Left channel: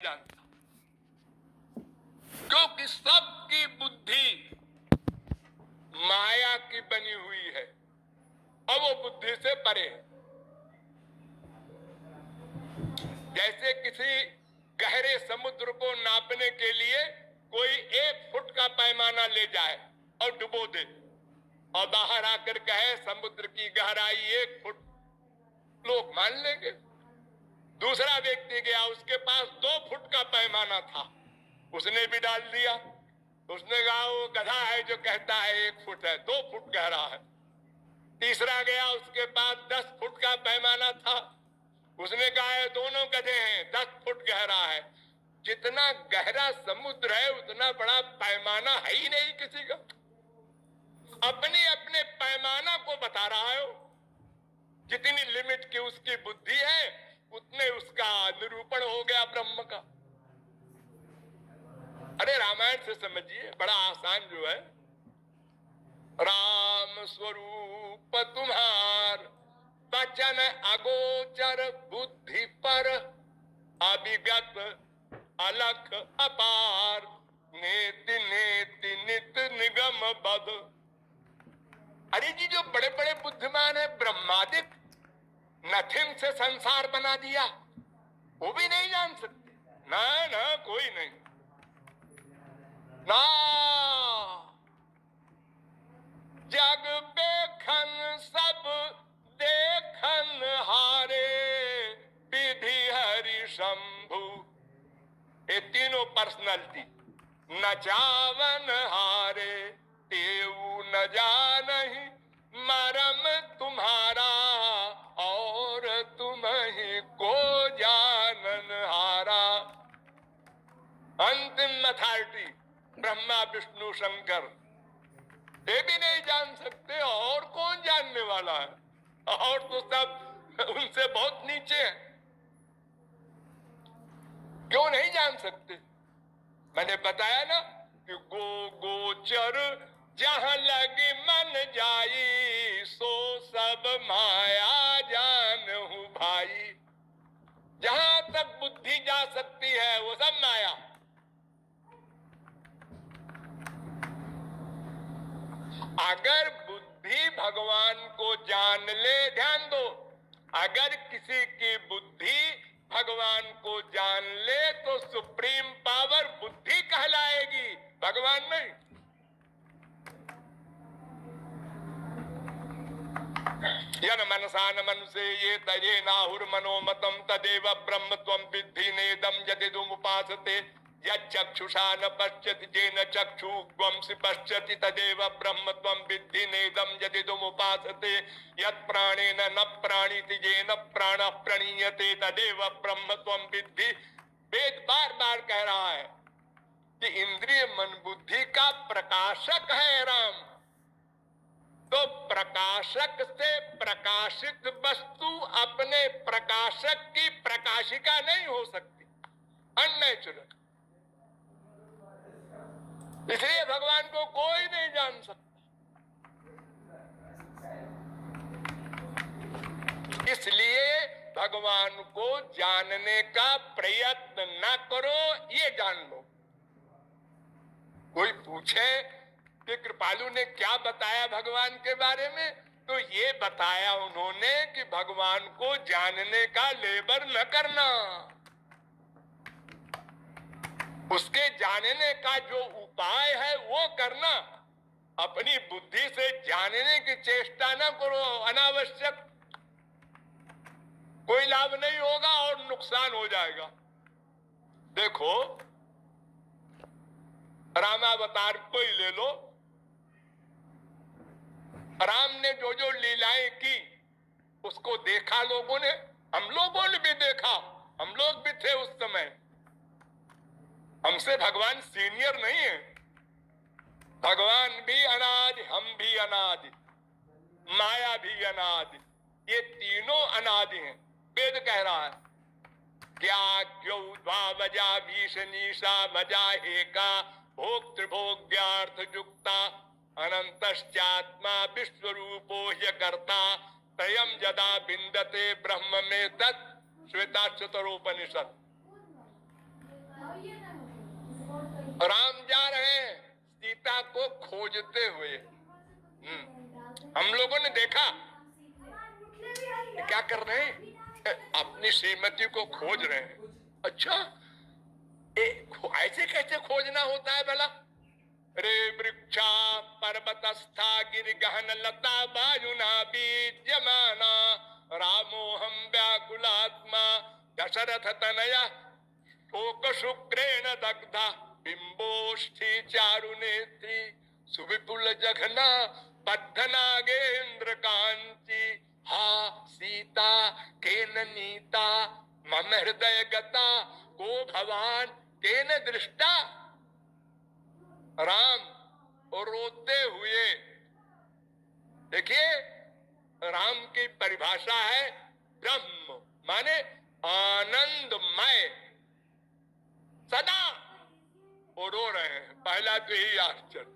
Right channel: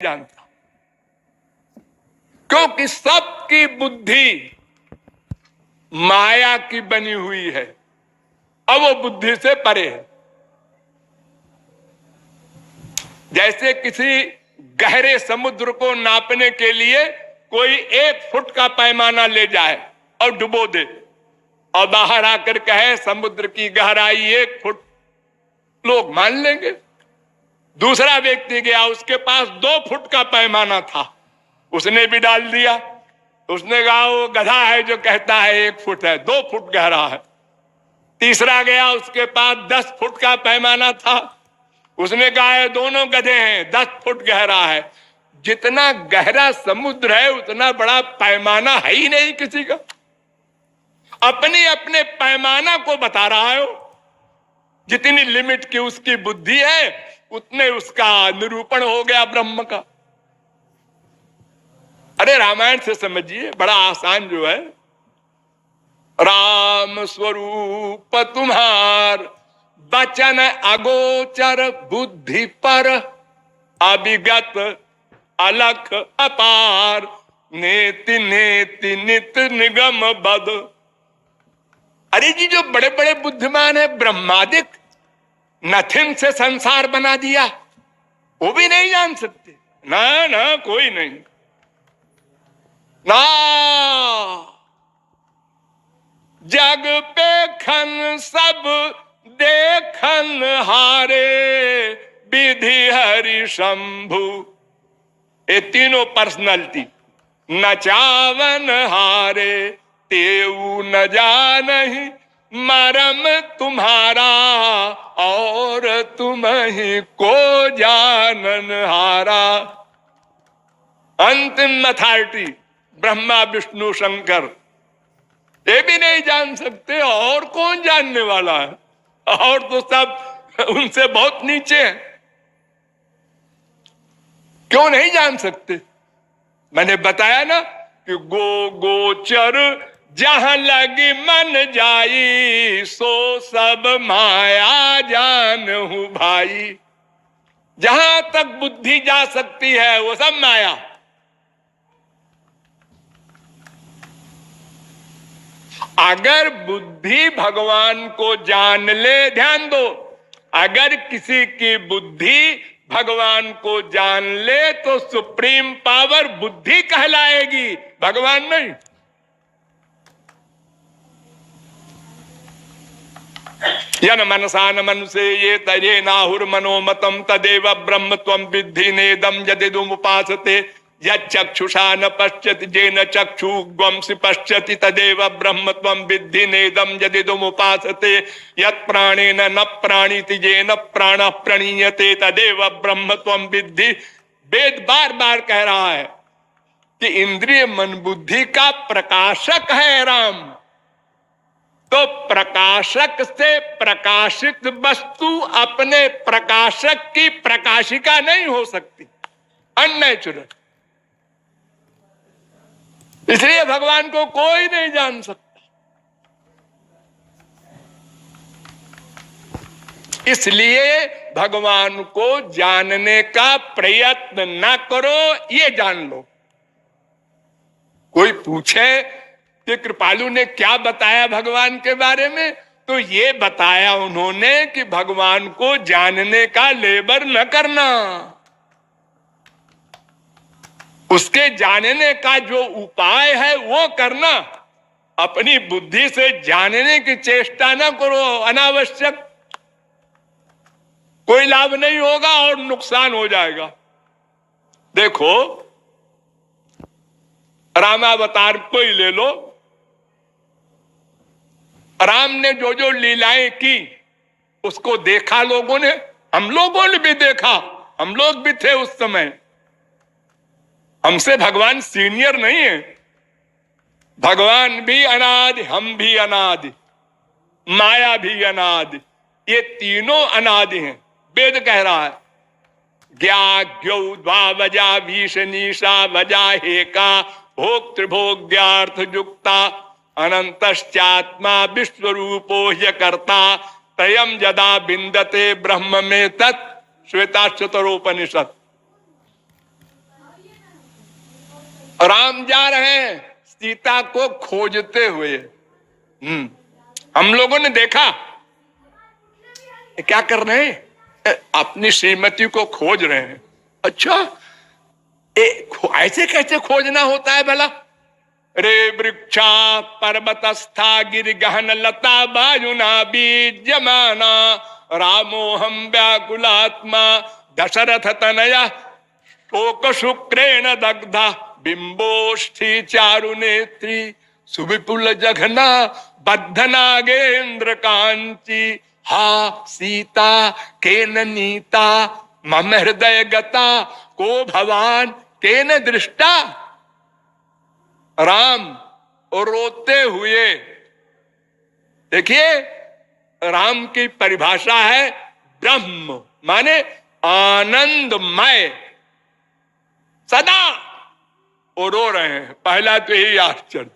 जानता, क्योंकि सबकी बुद्धि माया की बनी हुई है और वो बुद्धि से परे है। जैसे किसी गहरे समुद्र को नापने के लिए कोई 1 फुट का पैमाना ले जाए और डुबो दे और बाहर आकर कहे समुद्र की गहराई 1 फुट, लोग मान लेंगे। दूसरा व्यक्ति गया, उसके पास 2 फुट का पैमाना था, उसने भी डाल दिया। उसने कहा वो गधा है जो कहता है 1 फुट है, 2 फुट गहरा है। तीसरा गया, उसके पास 10 फुट का पैमाना था, उसने कहा है दोनों गधे हैं, 10 फुट गहरा है। जितना गहरा समुद्र है उतना बड़ा पैमाना है ही नहीं किसी का। अपने अपने पैमाना को बता रहा है। जितनी लिमिट की उसकी बुद्धि है उतने उसका निरूपण हो गया ब्रह्म का। अरे रामायण से समझिए, बड़ा आसान जो है। राम स्वरूप तुम्हार वचन अगोचर बुद्धि पर अभिगत अलख अपार नेति नेति नित निगम बद। अरे जी, जो बड़े बड़े बुद्धिमान है, ब्रह्मादिक नथिंग से संसार बना दिया, वो भी नहीं जान सकते। ना ना, कोई नहीं ना। जग पे खन सब देखन हारे विधि हरि शंभु। ये तीनों पर्सनालिटी न चावन हारे तेऊ न जानहि मरम तुम्हारा और तुम ही को जानन हारा। अंतिम अथॉरिटी ब्रह्मा विष्णु शंकर, ये भी नहीं जान सकते। और कौन जानने वाला है? और तो सब उनसे बहुत नीचे हैं। क्यों नहीं जान सकते? मैंने बताया ना कि गोचर जहां लगी मन जाई सो सब माया जानहु भाई। जहां तक बुद्धि जा सकती है वो सब माया। अगर बुद्धि भगवान को जान ले, ध्यान दो, अगर किसी की बुद्धि भगवान को जान ले तो सुप्रीम पावर बुद्धि कहलाएगी, भगवान नहीं। यन मनसा न मनुष्य ये तये नाहुर मनोमतम तदेव ब्रह्म त्वं विद्धि नेदम यदिदुमुपासते यक्षुषा न पश्यति जेन चक्षुग्वंसि पश्यति तदेव ब्रह्म त्वं विद्धि नेदम यदिदुमुपासते यत्प्राणेन न प्राणीति जेन प्राणः प्रणीयते तदेव ब्रह्म त्वं विद्धि। वेद बार बार कह रहा है कि इंद्रिय मन बुद्धि का प्रकाशक है राम। तो प्रकाशक से प्रकाशित वस्तु अपने प्रकाशक की प्रकाशिका नहीं हो सकती, अननेचुरल। इसलिए भगवान को कोई नहीं जान सकता। इसलिए भगवान को जानने का प्रयत्न न करो, ये जान लो। कोई पूछे कि कृपालु ने क्या बताया भगवान के बारे में, तो ये बताया उन्होंने कि भगवान को जानने का लेबर न करना, उसके जानने का जो उपाय है वो करना। अपनी बुद्धि से जानने की चेष्टा न करो अनावश्यक, कोई लाभ नहीं होगा और नुकसान हो जाएगा। देखो, रामावतार को ही ले लो। राम ने जो जो लीलाएं की उसको देखा लोगों ने, हम लोगों ने भी देखा, हम लोग भी थे उस समय। हमसे भगवान सीनियर नहीं है। भगवान भी अनादि, हम भी अनादि, माया भी अनादि, ये तीनों अनादि हैं। वेद कह रहा है ज्ञाज्ञौ द्वावजा भीषणीषा वजा हेका भोक्तृभोग्यार्थ युक्ता अनंतश्चात्मा विश्वरूपो ह्यकर्ता तयम यदा बिंदते ब्रह्म में तत् श्वेताश्वतरोपनिषद। राम जा रहे हैं सीता को खोजते हुए। हम लोगों ने देखा क्या कर रहे हैं, अपनी श्रीमती को खोज रहे हैं। अच्छा, ऐसे कैसे खोजना होता है भला? रे वृक्षा पर्वतस्था गिर गहन लता वायुना बीजमाना रामो हम व्याकुलात्मा दशरथ तनया शोक शुक्रेण दग्धा बिंबोष्ठी चारु नेत्री सुविपुल जघना बद्ध नागेंद्र कांची हा सीता केन नीता मम हृदय गता को भवान केन दृष्टा। राम और रोते हुए, देखिए राम की परिभाषा है ब्रह्म, माने आनंदमय, सदा वो रो रहे हैं। पहला तो यही आश्चर्य,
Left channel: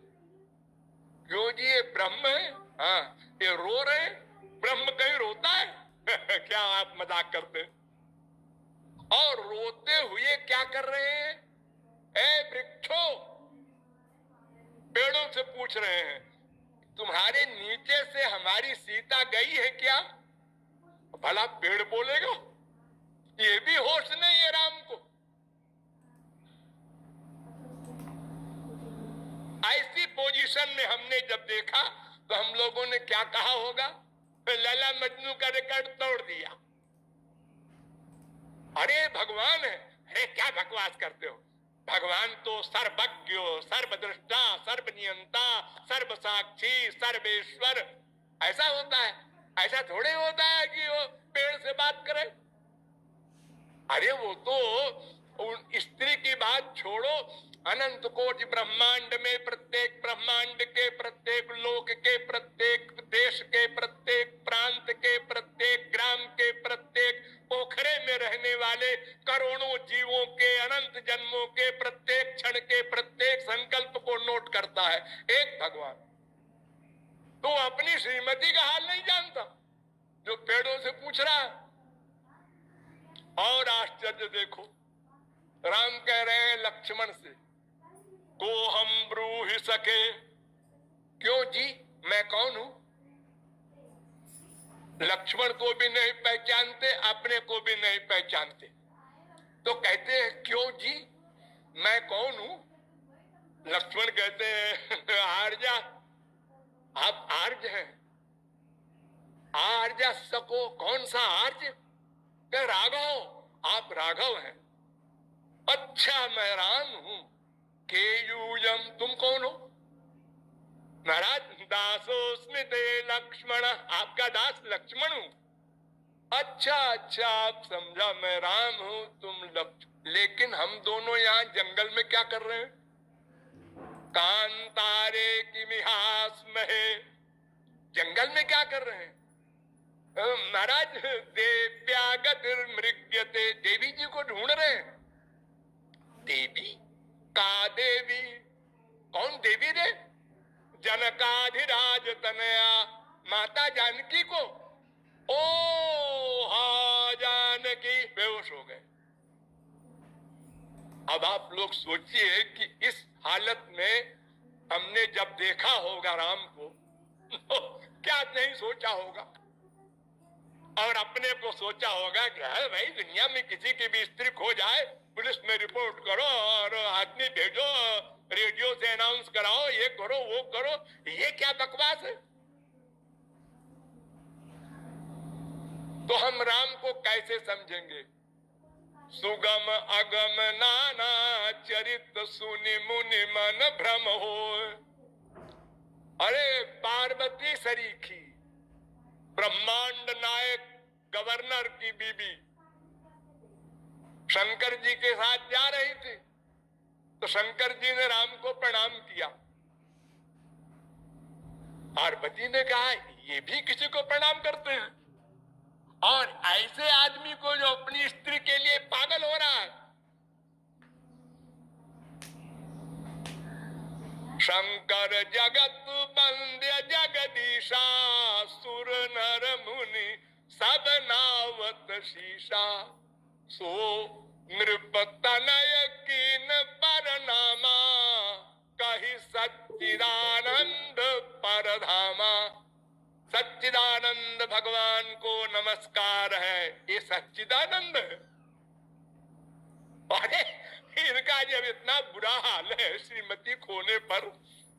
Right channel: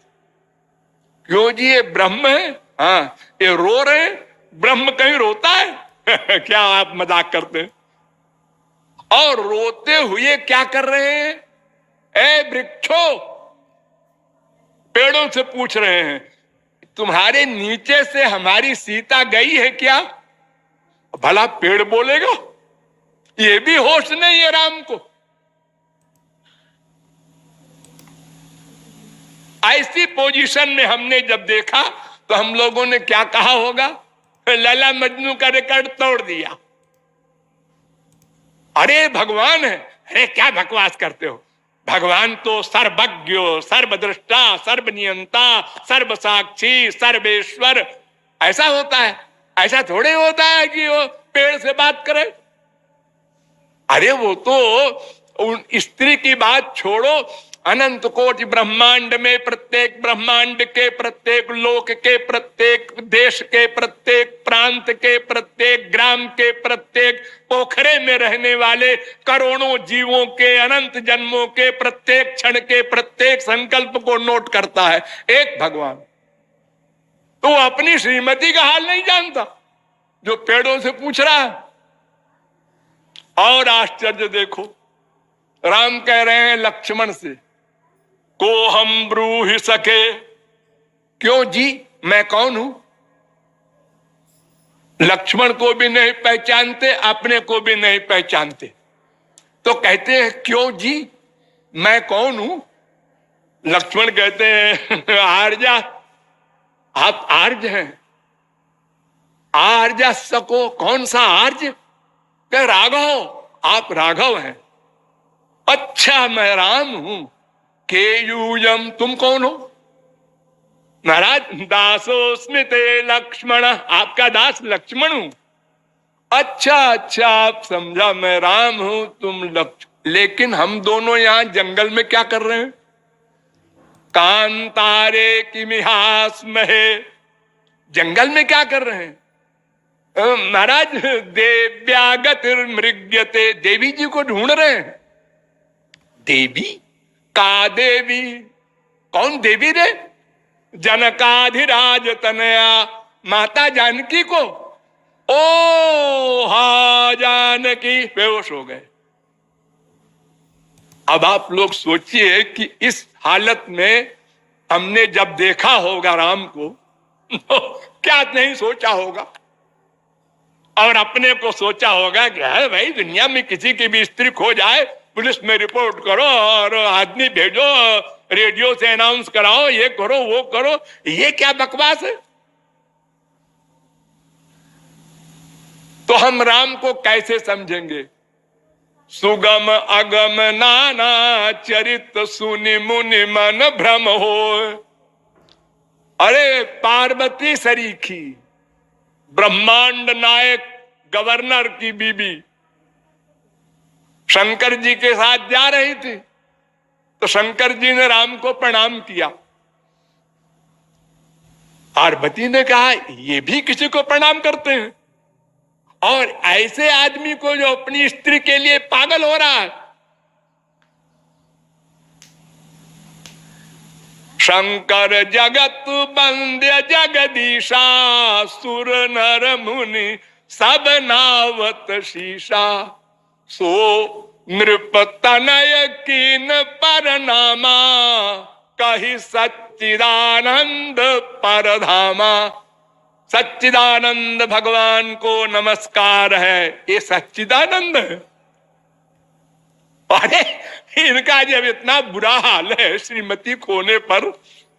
क्यों जी ये ब्रह्म है? हाँ, ये रो रहे हैं। ब्रह्म कहीं रोता है? क्या आप मजाक करते हैं? और रोते हुए क्या कर रहे हैं? ए वृक्षो, पेड़ों से पूछ रहे हैं, तुम्हारे नीचे से हमारी सीता गई है क्या? भला पेड़ बोलेगा? ये भी होश नहीं है राम को। ऐसी पोजीशन में हमने जब देखा तो हम लोगों ने क्या कहा होगा? लैला मजनू का रिकॉर्ड तोड़ दिया। अरे भगवान है, अरे क्या बकवास करते हो? भगवान तो सर्वज्ञ, सर्वद्रष्टा, सर्वनियंता, सर्वसाक्षी, सर्वेश्वर ऐसा होता है। ऐसा थोड़े होता है कि वो पेड़ से बात करे। अरे वो तो उन स्त्री की बात छोड़ो, अनंत कोटि ब्रह्मांड में प्रत्येक ब्रह्मांड के प्रत्येक लोक के प्रत्येक देश के प्रत्येक प्रांत के प्रत्येक ग्राम के प्रत्येक पोखरे में रहने वाले करोड़ों जीवों के अनंत जन्मों के प्रत्येक क्षण के प्रत्येक संकल्प को नोट करता है एक भगवान। तो वो अपनी श्रीमती का हाल नहीं जानता जो पेड़ों से पूछ रहा है। और आश्चर्य देखो, राम कह रहे हैं लक्ष्मण से, को हम ब्रूहि सके। क्यों जी, मैं कौन हूं? लक्ष्मण को भी नहीं पहचानते, अपने को भी नहीं पहचानते, तो कहते हैं क्यों जी, मैं कौन हूं? लक्ष्मण कहते हैं आर्या, आप आर्य हैं। आर्य सको, कौन सा आर्य? कह राघव, आप राघव हैं। अच्छा, मैं राम हूं। केयूयम, तुम कौन हो? महाराज, दासोस्मि ते लक्ष्मण, आपका दास लक्ष्मण हूं। अच्छा अच्छा, आप समझा, मैं राम हूं, तुम लक्ष्मण। लेकिन हम दोनों यहां जंगल में क्या कर रहे हैं? कांतारे किमिहास्महे, जंगल में क्या कर रहे हैं? महाराज, देव्यागतिर्मृग्यते, देवी जी को ढूंढ रहे हैं। देवी? का देवी? कौन देवी रे? जनकाधिराज तनया, माता जानकी को। ओ हा जानकी, बेहोश हो गए। अब आप लोग सोचिए कि इस हालत में हमने जब देखा होगा राम को तो क्या नहीं सोचा होगा। और अपने को सोचा होगा कि है भाई, दुनिया में किसी की भी स्त्री खो जाए, पुलिस में रिपोर्ट करो और आदमी भेजो, रेडियो से अनाउंस कराओ, ये करो वो करो, ये क्या बकवास है? तो हम राम को कैसे समझेंगे? सुगम अगम नाना चरित सुनि मुनि मन भ्रम हो। अरे पार्वती सरीखी, ब्रह्मांड नायक गवर्नर की बीबी शंकर जी के साथ जा रही थी, तो शंकर जी ने राम को प्रणाम किया। पार्वती ने कहा ये भी किसी को प्रणाम करते हैं? और ऐसे आदमी को जो अपनी स्त्री के लिए पागल हो रहा है। शंकर जगत बंद्य जगदीशा, सुर नर मुनि सब नावत शीशा, सो नृप तनय कीन परनामा, ही सच्चिदानंद परधामा। सच्चिदानंद भगवान को नमस्कार है। ये सच्चिदानंद है। अरे इनका जब इतना बुरा हाल है श्रीमती खोने पर,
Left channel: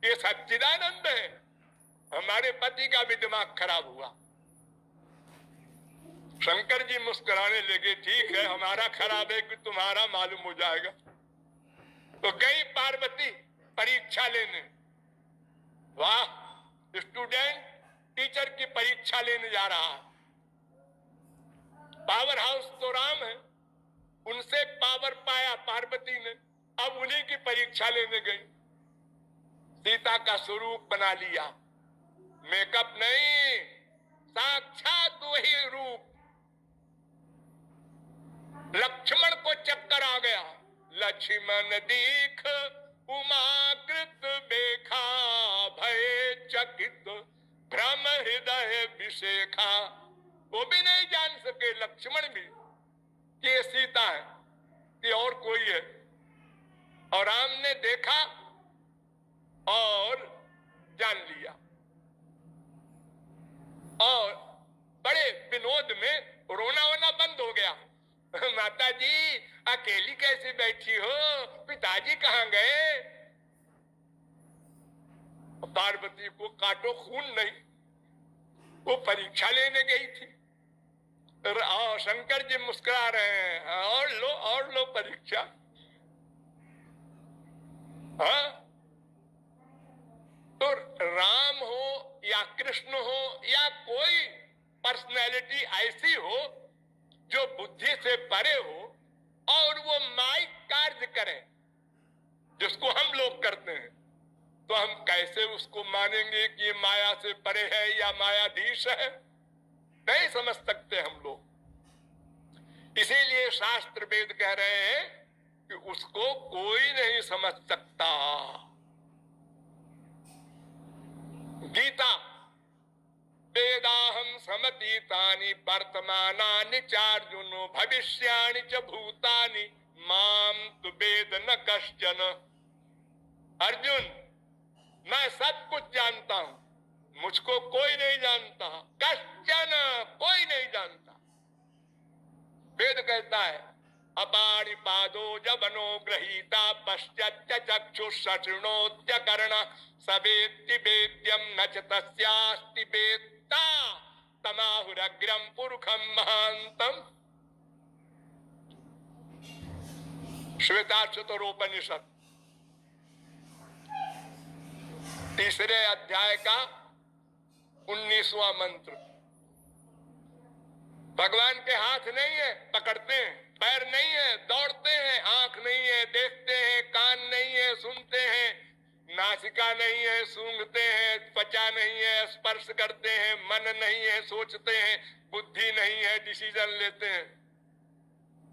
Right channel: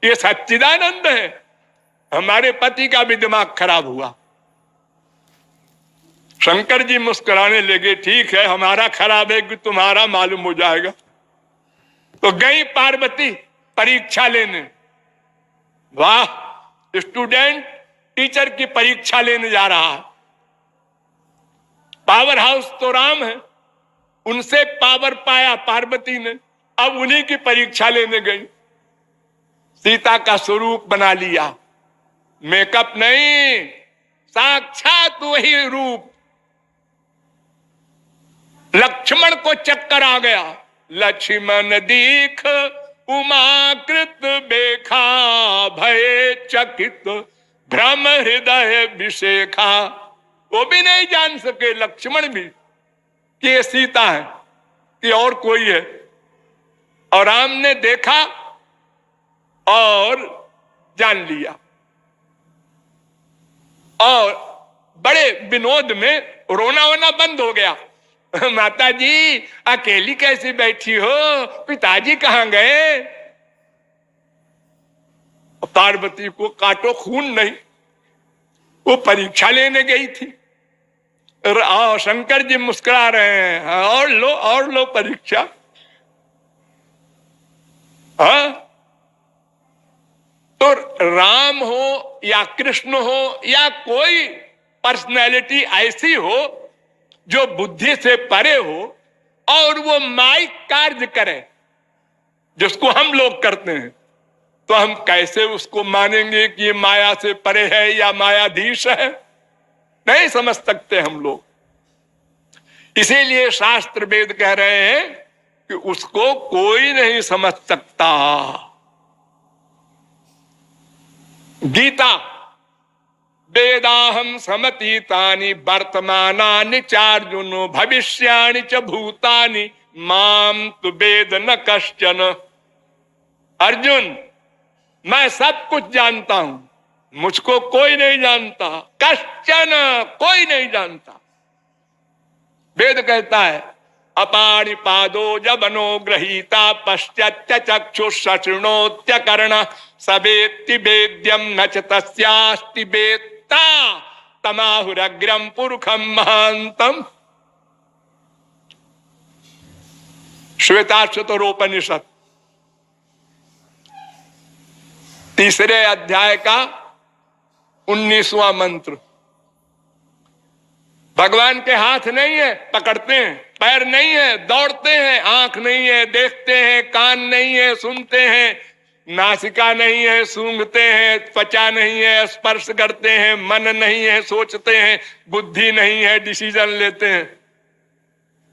ये सच्चिदानंद है। हमारे पति का भी दिमाग खराब हुआ। शंकर जी मुस्कुराने लगे, ठीक है हमारा खराब है कि तुम्हारा मालूम हो जाएगा। तो गई पार्वती परीक्षा लेने। वाह, स्टूडेंट टीचर की परीक्षा लेने जा रहा है। पावर हाउस तो राम है, उनसे पावर पाया पार्वती ने, अब उन्हीं की परीक्षा लेने गई। सीता का स्वरूप बना लिया, मेकअप नहीं, साक्षात वही रूप। लक्ष्मण को चक्कर आ गया। लक्ष्मण दीख उमाकृत बेखा, भय चकित भ्रम हृदय विशेखा। वो भी नहीं जान सके लक्ष्मण भी कि ये सीता है कि और कोई है। और राम ने देखा और जान लिया। और बड़े विनोद में रोना वोना बंद हो गया। माता जी अकेली कैसे बैठी हो, पिताजी कहां गए? पार्वती को काटो खून नहीं, वो परीक्षा लेने गई थी। शंकर जी मुस्कुरा रहे हैं, और लो परीक्षा। हाँ, तो राम हो या कृष्ण हो या कोई पर्सनैलिटी ऐसी हो जो बुद्धि से परे हो और वो माइक कार्य करे जिसको हम लोग करते हैं, तो हम कैसे उसको मानेंगे कि ये माया से परे है या मायाधीश है? नहीं समझ सकते हम लोग। इसीलिए शास्त्र वेद कह रहे हैं कि उसको कोई नहीं समझ सकता। गीता, वेदाहम समतीतानि वर्तमानानि चार्जुनो भविष्याणि च भूतानि माम तु वेद न कश्चन। अर्जुन, मैं सब कुछ जानता हूं, मुझको कोई नहीं जानता। कश्चन, कोई नहीं जानता। वेद कहता है अपाणिपादो जबनो गृहीता पश्चात्य चक्षुषृणोत्य कर्ण सवेत्ति वेद्यम न च तस्यास्ति वेत्ता तमाहुरग्रम पुरुषम महांतम। श्वेताश्वतरोपनिषद 3 अध्याय का 19वां मंत्र। भगवान के हाथ नहीं है, पकड़ते हैं, पैर नहीं है, दौड़ते हैं, आंख नहीं है, देखते हैं, कान नहीं है, सुनते हैं, नासिका नहीं है, सूंघते हैं, त्वचा नहीं है, स्पर्श करते हैं, मन नहीं है, सोचते हैं, बुद्धि नहीं है, डिसीजन लेते हैं।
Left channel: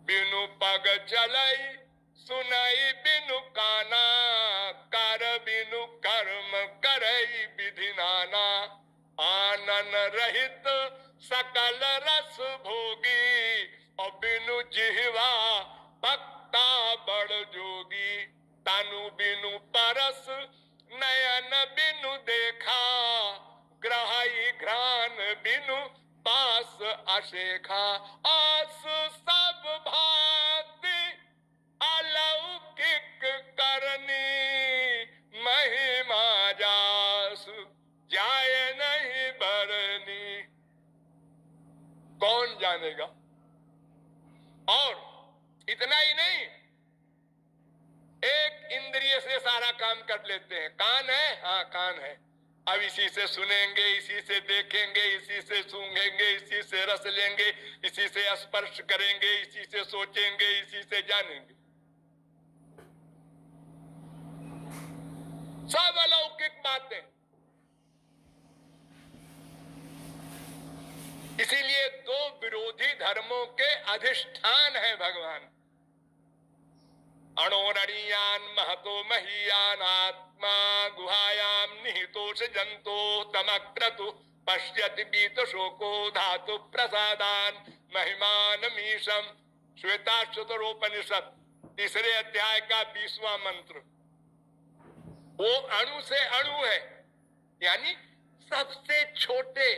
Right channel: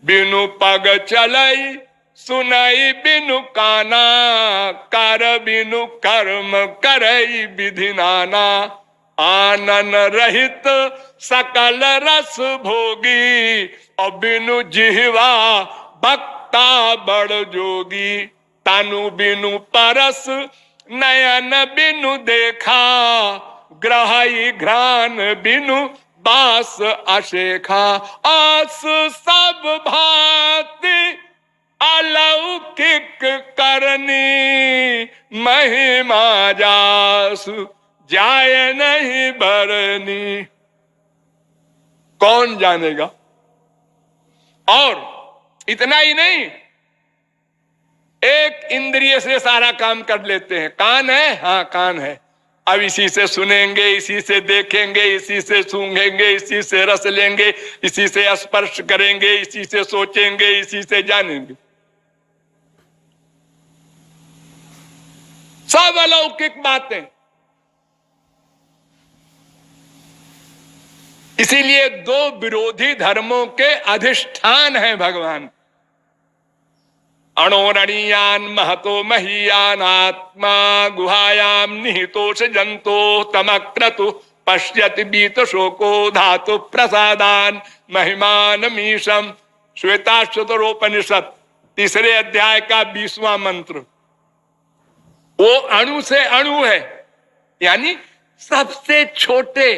बिनु पग चलाई सुनाई बिनु काना, कर बिनु कर्म करई विधि नाना। आनन रहित सकल रस भोगी, और बिनु जिह्वा भक्ता बड़ जोगी। तानु बिनु परस नयन बिनु देखा, ग्रहई घ्राण बिनु बास अशेखा। आस सब भांति अलौकिक करनी, महिमा जासु जाय नहीं बरनी। कौन जानेगा? और इतना ही नहीं, एक इंद्रिय से सारा काम कर लेते हैं। कान है, हाँ कान है, अब इसी से सुनेंगे, इसी से देखेंगे, इसी से सूंघेंगे, इसी से रस लेंगे, इसी से स्पर्श करेंगे, इसी से सोचेंगे, इसी से जानेंगे। सब अलौकिक बातें। इसीलिए 2 विरोधी धर्मों के अधिष्ठान हैं भगवान। अणोरणीयान महतो महीयान आत्मा गुहायाम निहितोष जंतो तमक्रतु पश्यति बीत शोको धातु प्रसादान महिमान मीशम। श्वेताश्वतरोपनिषद 3 अध्याय का 20वां मंत्र। वो अणु से अणु है, यानी सबसे छोटे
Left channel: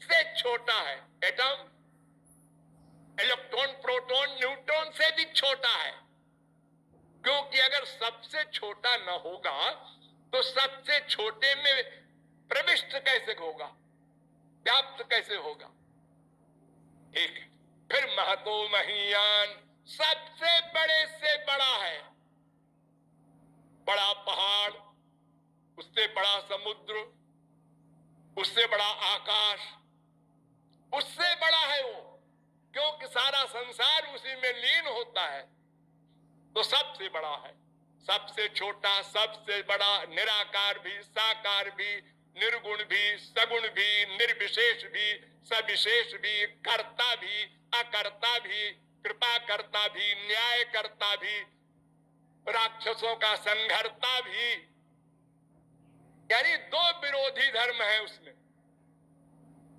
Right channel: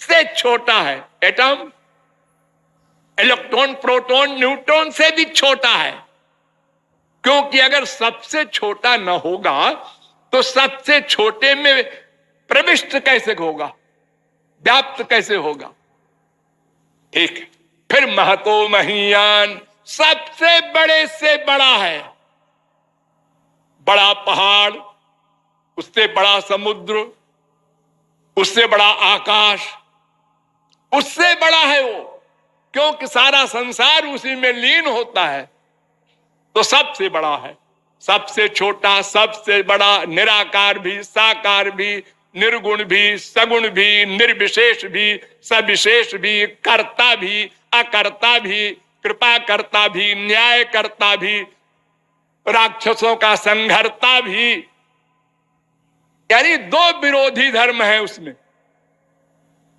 से छोटा है। एटम इलेक्ट्रॉन, प्रोटॉन, न्यूट्रॉन से भी छोटा है, क्योंकि अगर सबसे छोटा न होगा तो सबसे छोटे में प्रविष्ट कैसे होगा, व्याप्त कैसे होगा। ठीक है। फिर महतो महीयान, सबसे बड़े से बड़ा है, बड़ा पहाड़, उससे बड़ा समुद्र, उससे बड़ा आकाश, उससे बड़ा है वो, क्योंकि सारा संसार उसी में लीन होता है, तो सबसे बड़ा है। सबसे छोटा, सबसे बड़ा, निराकार भी, साकार भी, निर्गुण भी, सगुण भी, निर्विशेष भी, सविशेष भी, कर्ता भी, अकर्ता भी, कृपा करता भी, न्याय करता भी, राक्षसों का संघर्ता भी, यानी दो विरोधी धर्म है उसमें।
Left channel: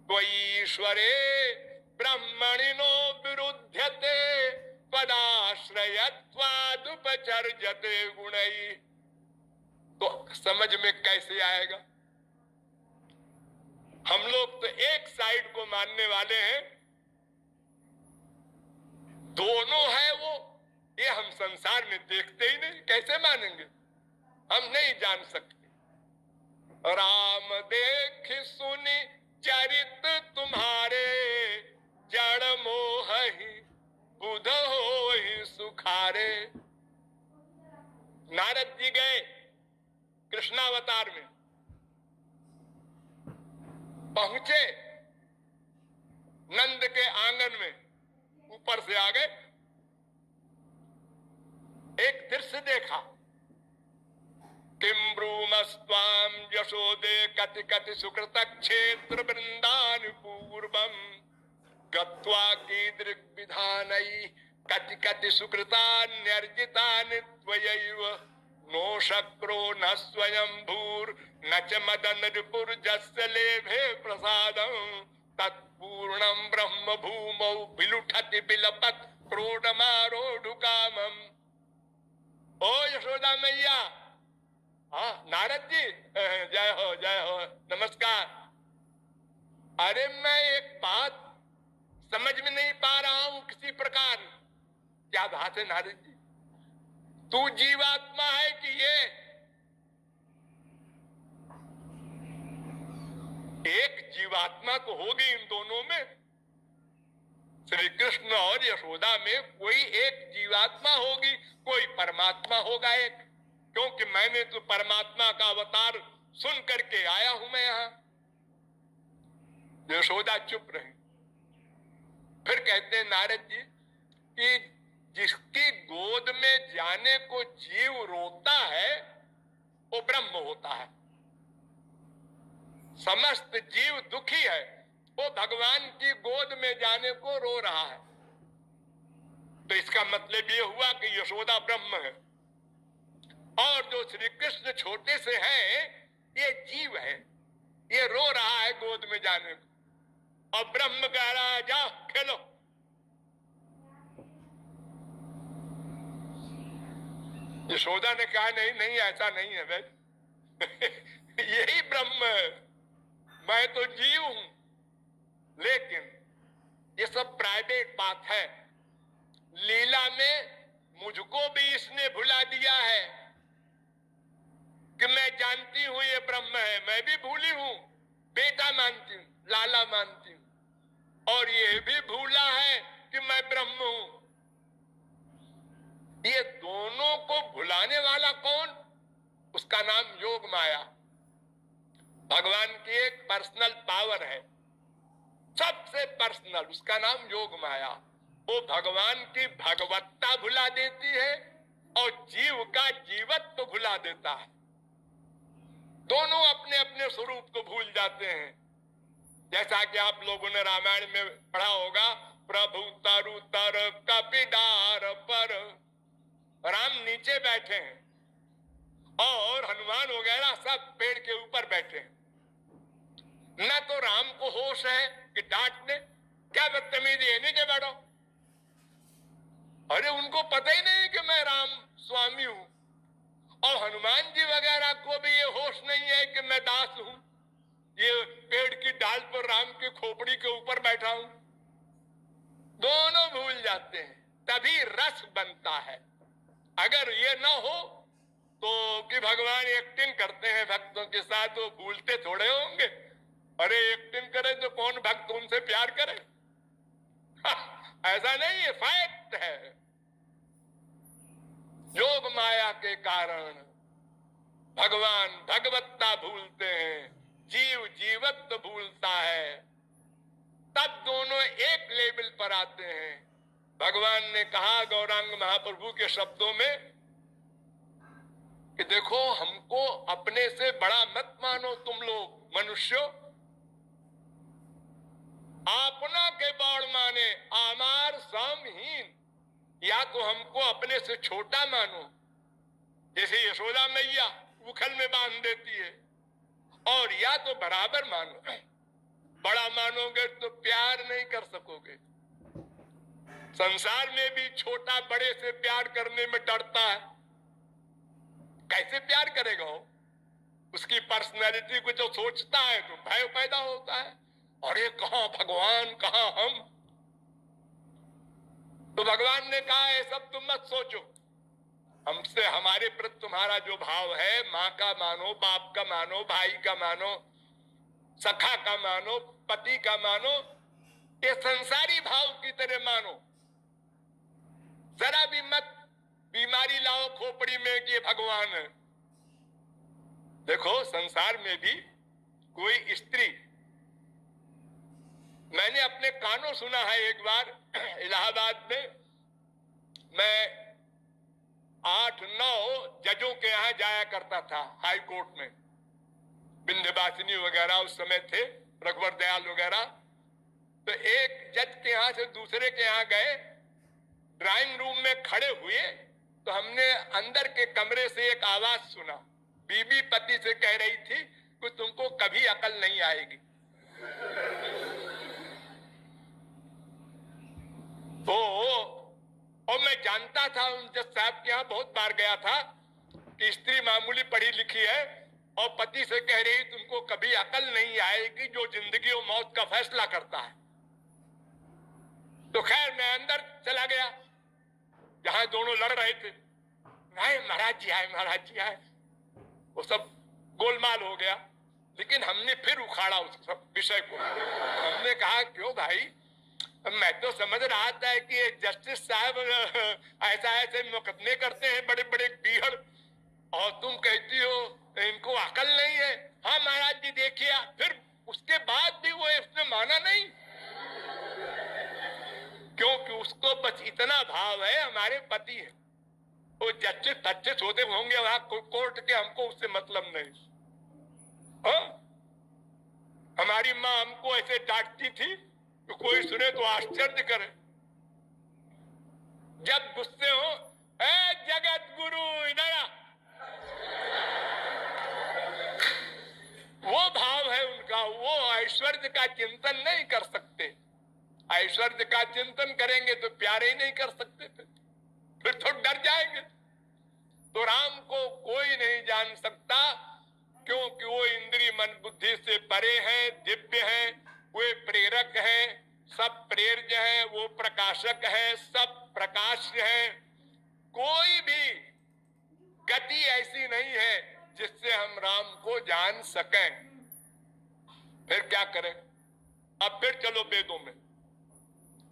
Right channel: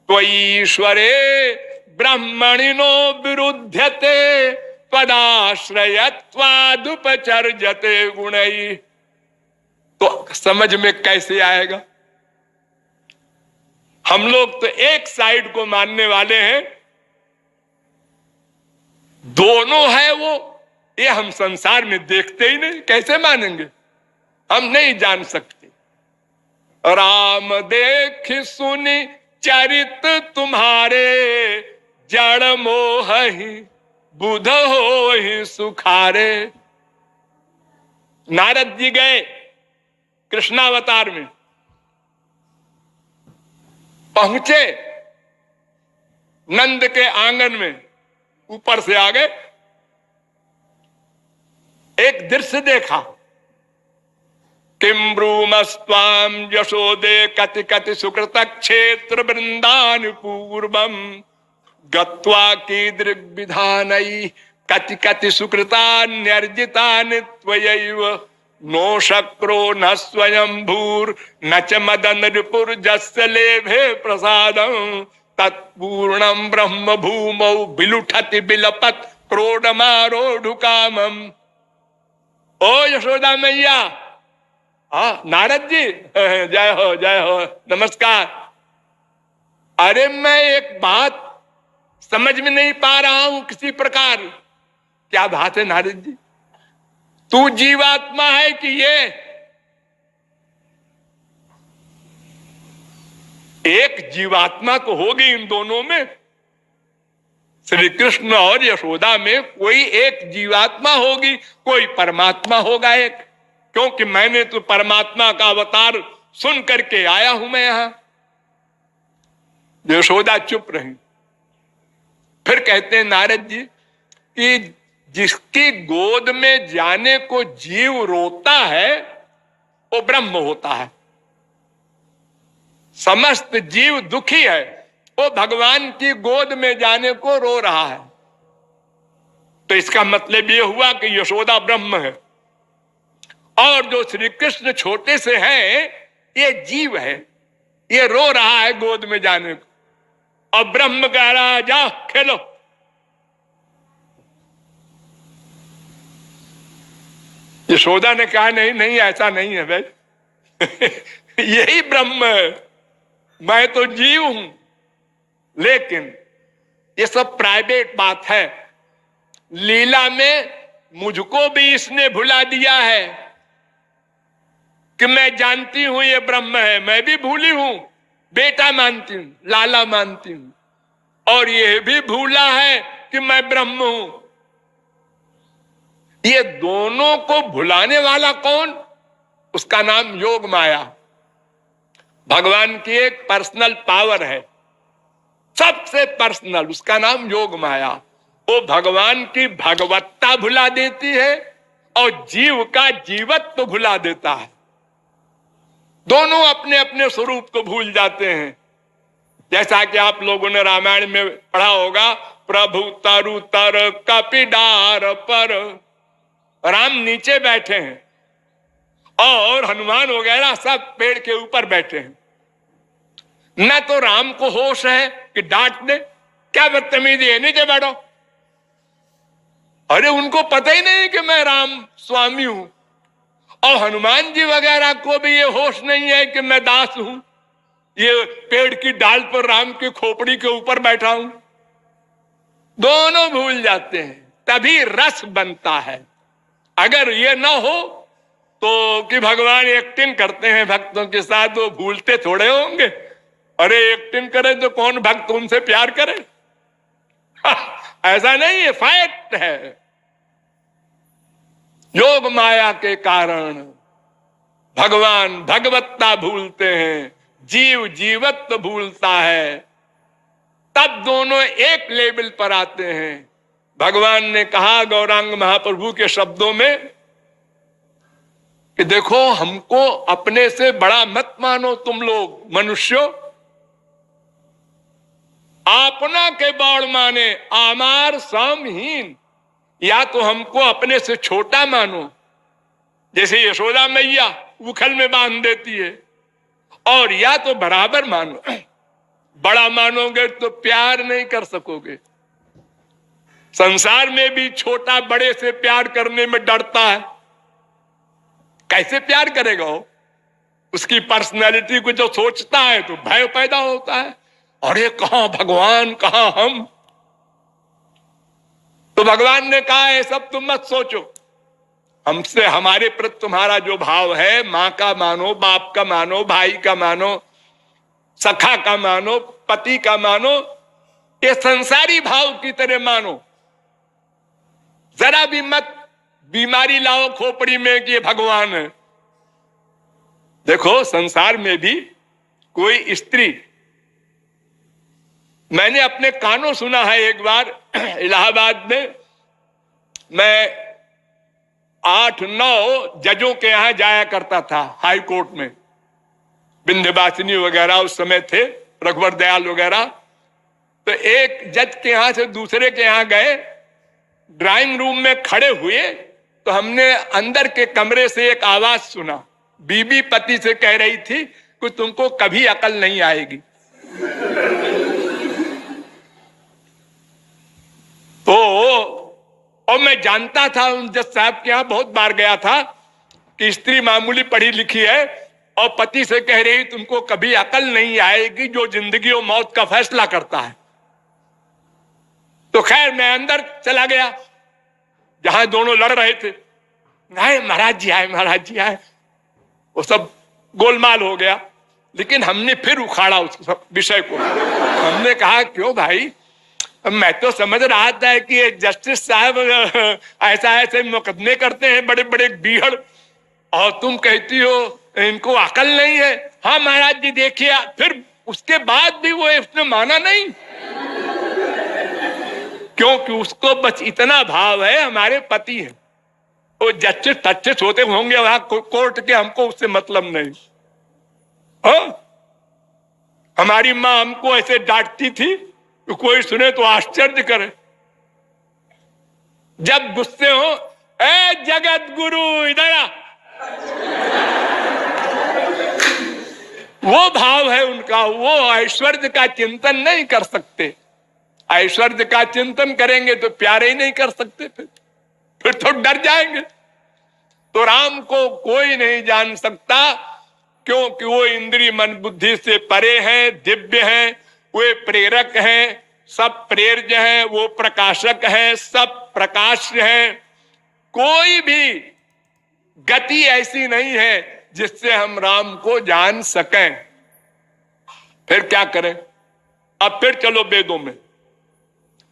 तो ईश्वरे ब्रह्मणिनो विरुध्यते पदाश्रयत्वादुपचर्यते गुणैः। तो समझ में कैसे आएगा? हम लोग तो एक साइड को मानने वाले हैं, दोनों है वो, ये हम संसार में देखते ही नहीं, कैसे मानेंगे? हम नहीं जान सकते। राम देख सुनी चरित तुम्हारे, जड़ मोह ही बुध हो ही सुखारे। नारद जी गए कृष्णावतार में, पहुंचे नंद के आंगन में, ऊपर से आ गए, एक दृश्य देखा। किम ब्रूमस्त्वाम यशोदे कति कति सुकृत क्षेत्र वृंदान पूर्वम गत्वा कीदृग् विधानै कति कति सुकृतान्यर्जितानि त्वयैव नो शक्रो न स्वयं भूर न च मदन रिपुर जस्य लेभे प्रसादं तत्पूर्णं ब्रह्म भूमौ बिलुठति बिलपत क्रोडमारोढ़ुकामम्। ओ यशोदा मैया, नारद जी, जय हो जय हो, नमस्कार। अरे मैं एक बात समझ में नहीं पा रहा हूं किसी प्रकार। क्या बात है नारद जी? तू जीवात्मा है कि ये? एक जीवात्मा तो होगी इन दोनों में, श्री कृष्ण और यशोदा में कोई एक जीवात्मा होगी, कोई परमात्मा होगा एक, क्योंकि मैंने तो परमात्मा का अवतार सुन करके आया हूं मैं यहां। यशोदा चुप रही। फिर कहते हैं नारद जी कि जिसकी गोद में जाने को जीव रोता है वो ब्रह्म होता है। समस्त जीव दुखी है, वो भगवान की गोद में जाने को रो रहा है। तो इसका मतलब ये हुआ कि यशोदा ब्रह्म है, और जो श्री कृष्ण छोटे से हैं ये जीव है, ये रो रहा है गोद में जाने को, और ब्रह्म कह रहा है जाओ खेलो। यशोदा ने कहा नहीं नहीं, ऐसा नहीं है भाई यही ब्रह्म है, मैं तो जीव हूं। लेकिन ये सब प्राइवेट बात है। लीला में मुझको भी इसने भुला दिया है कि मैं जानती हूं ये ब्रह्म है, मैं भी भूली हूं, बेटा मानती हूं, लाला मानती हूं, और ये भी भूला है कि मैं ब्रह्म हूं। ये दोनों को भुलाने वाला कौन? उसका नाम योग माया। भगवान की एक पर्सनल पावर है, सबसे पर्सनल, उसका नाम योग माया। वो भगवान की भगवत्ता भुला देती है और जीव का जीवत्व भुला देता है। दोनों अपने अपने स्वरूप को भूल जाते हैं। जैसा कि आप लोगों ने रामायण में पढ़ा होगा, प्रभु तरु तर कपिडार पर, राम नीचे बैठे हैं और हनुमान वगैरह सब पेड़ के ऊपर बैठे हैं। न तो राम को होश है कि डांट दे, क्या बदतमीजी है, नीचे बैठो। अरे उनको पता ही नहीं कि मैं राम स्वामी हूं, और हनुमान जी वगैरह को भी ये होश नहीं है कि मैं दास हूं, ये पेड़ की डाल पर राम की खोपड़ी के ऊपर बैठा हूं। दोनों भूल जाते हैं, तभी रस बनता है। अगर ये ना हो तो कि भगवान एक्टिंग करते हैं भक्तों के साथ, वो भूलते थोड़े होंगे। अरे एक्टिंग करे तो कौन भक्त उनसे प्यार करे? ऐसा नहीं है, फैक्ट है। योग माया के कारण भगवान भगवत्ता भूलते हैं, जीव जीवत्व भूलता है, तब दोनों एक लेवल पर आते हैं। भगवान ने कहा गौरांग महाप्रभु के शब्दों में कि देखो, हमको अपने से बड़ा मत मानो तुम लोग मनुष्यों, आपना के बड़ माने आमार सामहीन। या तो हमको अपने से छोटा मानो, जैसे यशोदा मैया उखल में बांध देती है, और या तो बराबर मानो। बड़ा मानोगे तो प्यार नहीं कर सकोगे। संसार में भी छोटा बड़े से प्यार करने में डरता है। कैसे प्यार करेगा वो? उसकी पर्सनैलिटी को जो सोचता है तो भय पैदा होता है। अरे कहां भगवान, कहां हम? तो भगवान ने कहा है सब तुम मत सोचो, हमसे हमारे प्रति तुम्हारा जो भाव है, मां का मानो, बाप का मानो, भाई का मानो, सखा का मानो, पति का मानो, ये संसारी भाव की तरह मानो। जरा भी मत बीमारी लाओ खोपड़ी में कि ये भगवान है। देखो संसार में भी कोई स्त्री, मैंने अपने कानों सुना है एक बार इलाहाबाद में, मैं 8-9 जजों के यहां जाया करता था हाई कोर्ट में, विंध्यवासिनी वगैरह उस समय थे, रघुवर दयाल वगैरह। तो एक जज के यहां से दूसरे के यहां गए, ड्राइंग रूम में खड़े हुए तो हमने अंदर के कमरे से एक आवाज सुना। बीबी पति से कह रही थी कि तुमको कभी अकल नहीं आएगी। तो और मैं जानता था, उन जज साहब के यहां बहुत बार गया था, कि स्त्री मामूली पढ़ी लिखी है और पति से कह रही तुमको कभी अकल नहीं आएगी, जो जिंदगी और मौत का फैसला करता है। तो खैर मैं अंदर चला गया जहां दोनों लड़ रहे थे। आए महाराज जी आए, महाराज जी आए, वो सब गोलमाल हो गया। लेकिन हमने फिर उखाड़ा उस विषय को। हमने कहा क्यों भाई, मैं तो समझ रहा था कि ये जस्टिस साहब ऐसा ऐसे मुकदमे करते हैं बड़े बड़े बीहड़, और तुम कहती हो इनको अकल नहीं है। हाँ महाराज जी देखिए, फिर उसके बाद भी वो उसने माना नहीं, क्योंकि उसको बस इतना भाव है हमारे पति है। वो जस्टिस तस्टिस होते होंगे वहां कोर्ट के, हमको उससे मतलब नहीं। हाँ हमारी माँ हमको ऐसे डांटती थी तो कोई सुने तो आश्चर्य करे। जब गुस्से हो, ए जगत गुरु इधर आ, वो भाव है उनका। वो ऐश्वर्य का चिंतन नहीं कर सकते। ऐश्वर्य का चिंतन करेंगे तो प्यार ही नहीं कर सकते, फिर तो डर जाएंगे। तो राम को कोई नहीं जान सकता, क्योंकि वो इंद्रिय मन बुद्धि से परे हैं, दिव्य हैं, वे प्रेरक हैं, सब प्रेर्य हैं, वो प्रकाशक हैं, सब प्रकाश हैं। कोई भी गति ऐसी नहीं है जिससे हम राम को जान सकें। फिर क्या करें? अब फिर चलो वेदों में,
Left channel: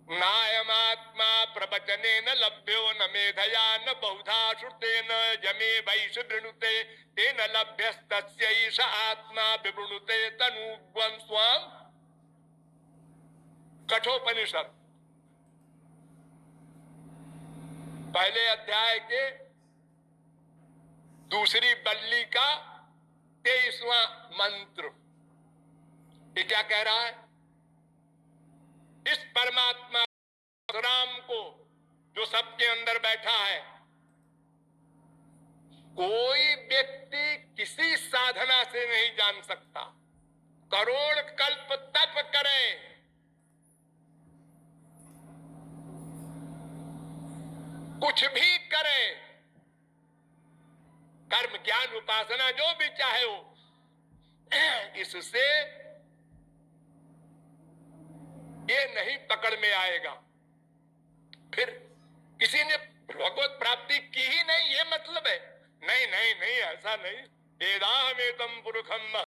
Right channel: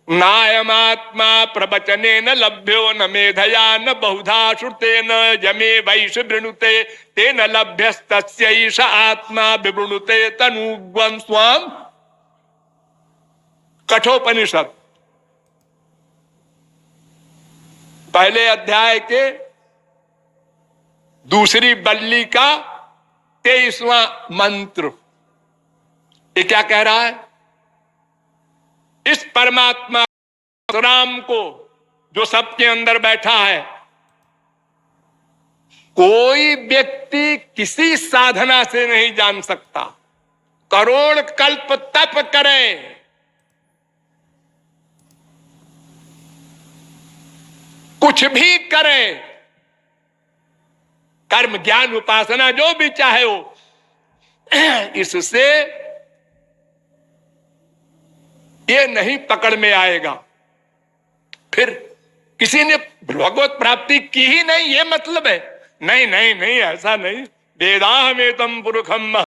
नायमात्मा प्रवचने न लभ्यो न मेधया न बहुधा श्रुते न जमे वैश वृणुते तेन लभ्यस्तस्यैष आत्मा विवृणुते तनुग्वं स्वाम। कठोपनिषद पहले अध्याय के दूसरी बल्ली का 23वां मंत्र। ये क्या कह रहा है? इस परमात्मा राम को जो सबके अंदर बैठा है, कोई व्यक्ति किसी साधना से नहीं जान सकता। करोड़ कल्प तप करे, कुछ भी करे, कर्म ज्ञान उपासना जो भी चाहे हो, इससे ये नहीं पकड़ में आएगा। फिर किसी ने भगवत प्राप्ति की ही नहीं, ये मतलब है? नहीं नहीं नहीं, ऐसा नहीं। वेदाहमेतम पुरुषम